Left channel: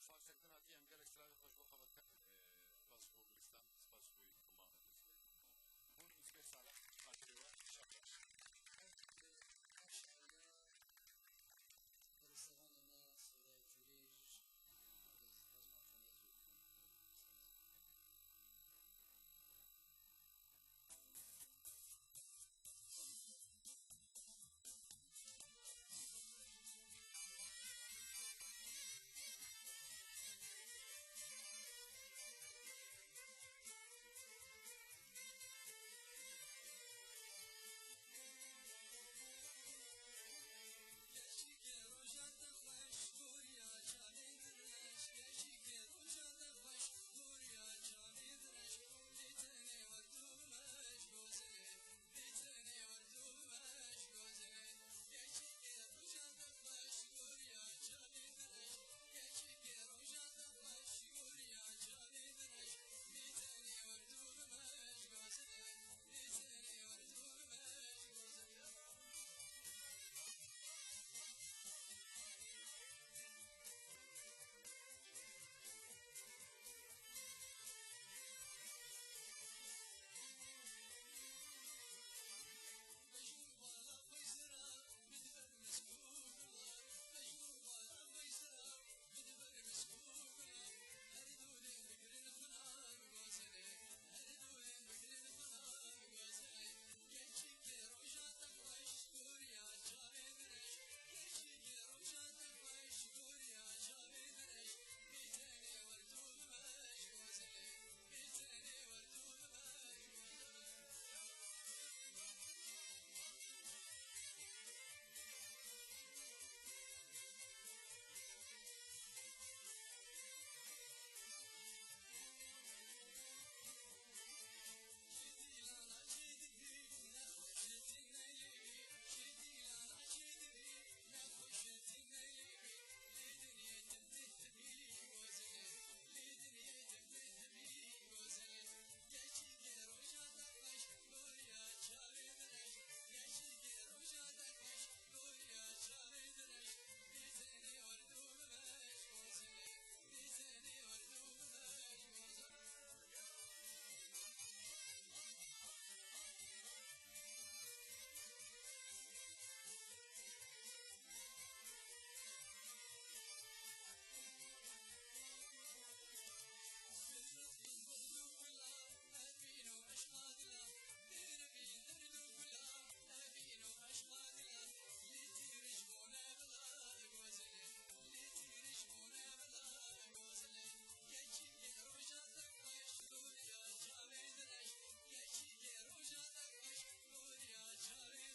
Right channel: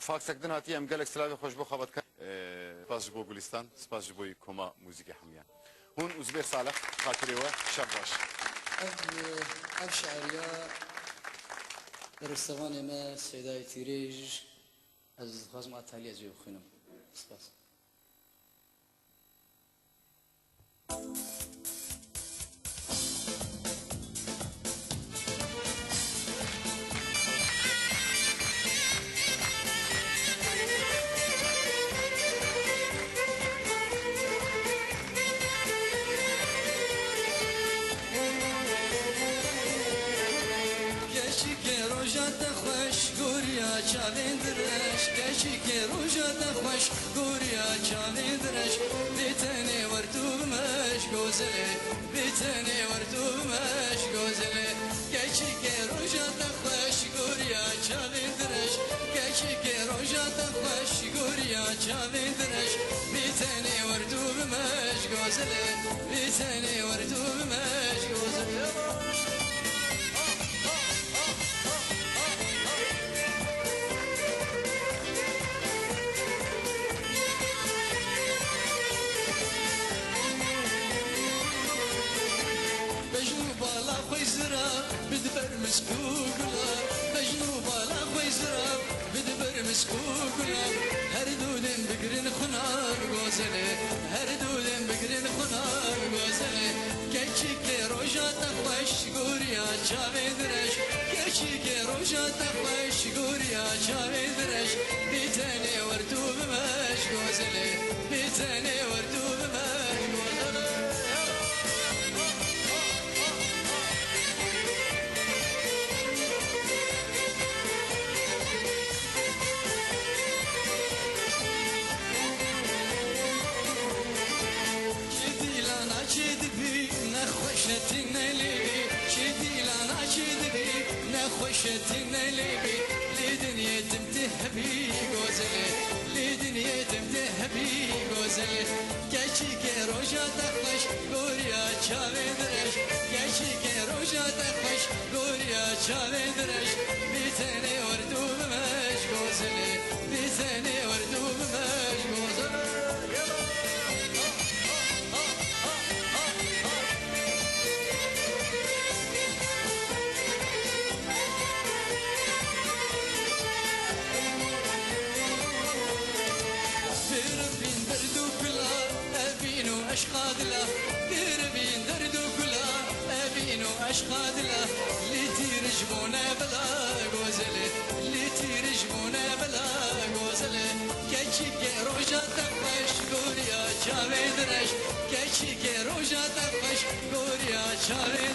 فاک سکدن هاتی ام گلک سلاوی خوش بو خبرت کرد سپاس جبو گلستان سپاس جبوی کما موزیک حمیان هون ازبیر صالح خاطری و شب باش اف شعریا رستوان ما سیدای تیریج از خواستم اتالیه جو خونم سپاس چاویندرش کشی که روزت خوش گوریا چاویندرش بیتنی وردو مش گوزله بیتنی وردو مش گوزله کشی که روزت خوش گوریا چاویندرش کشی که روزت خوش گوریا چاویندرش بیتنی وردو مش گوزله بیتنی وردو مش گوزله بدبر مسكوكلا مجنوب على خويزرا بدبر مسكوكلا هردود بقرن خنار غوزله هردود بقرن خنار غوزله كيشي كي روجا تخوش غوريا چاويدرش كيشي كي روجا تخوش غوريا چاويدرش بيتني وردو بمش غوزله بيتني وردو بمش غوزله نخوشتين ليبي شدي لنا شدبي نخوشتين ليبي لدنيا تمتهبي غوزلي لدنيا تمتهبي غوزلي كاشي كروجا تخش غوريا چاويدرش كاشي كروجا تخش غوريا چاويدرش بيتني وردو بمش غوزلي بيتني وردو بمش غوزلي أشقادله قربين دردو كلا أبينو أشقادله اللي تيرجبونا بلا غوزله اللي تيرجبونا بلا غوزله كيشي كروجا تقش غوريا چاويدرش كيشي كروجا تقش غوريا چاويدرش